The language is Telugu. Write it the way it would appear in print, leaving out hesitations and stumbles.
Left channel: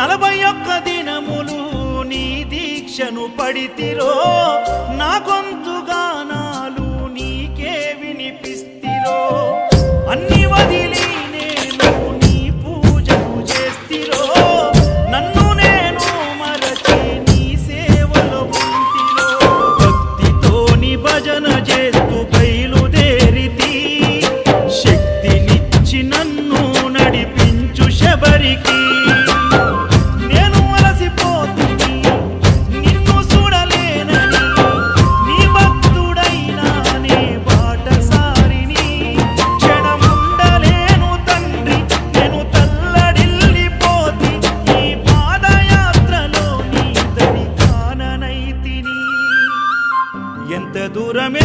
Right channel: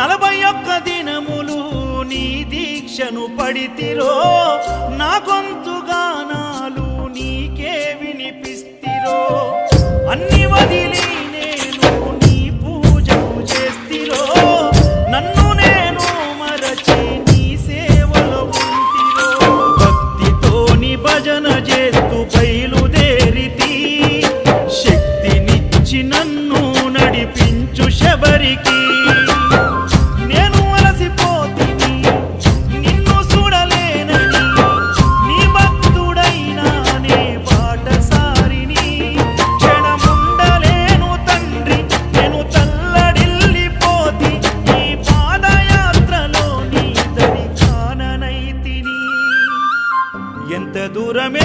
41 దినములు నీ దీక్షను పడితిరో నా గొంతు గానాలు నీకే వినిపిస్తిరో అన్ని వదిలి నేను నీ పూజను చేస్తిరో నన్ను నేను మరచి నీ సేవలో ఉంటిరో భక్తితో నీ భజన చేస్తూ బయలుదేరితి శక్తినిచ్చి నన్ను నడిపించు శబరికి నేను అలసిపోతిని నిన్ను చూడలేనని నీ భక్తుడైనా నే బాటసారిని క్షణముండలేను తండ్రి నేను తల్లడిల్లిపోతి ఈ పాదయాత్రలో నీ దరి కాననైతిని ఎంత దూరం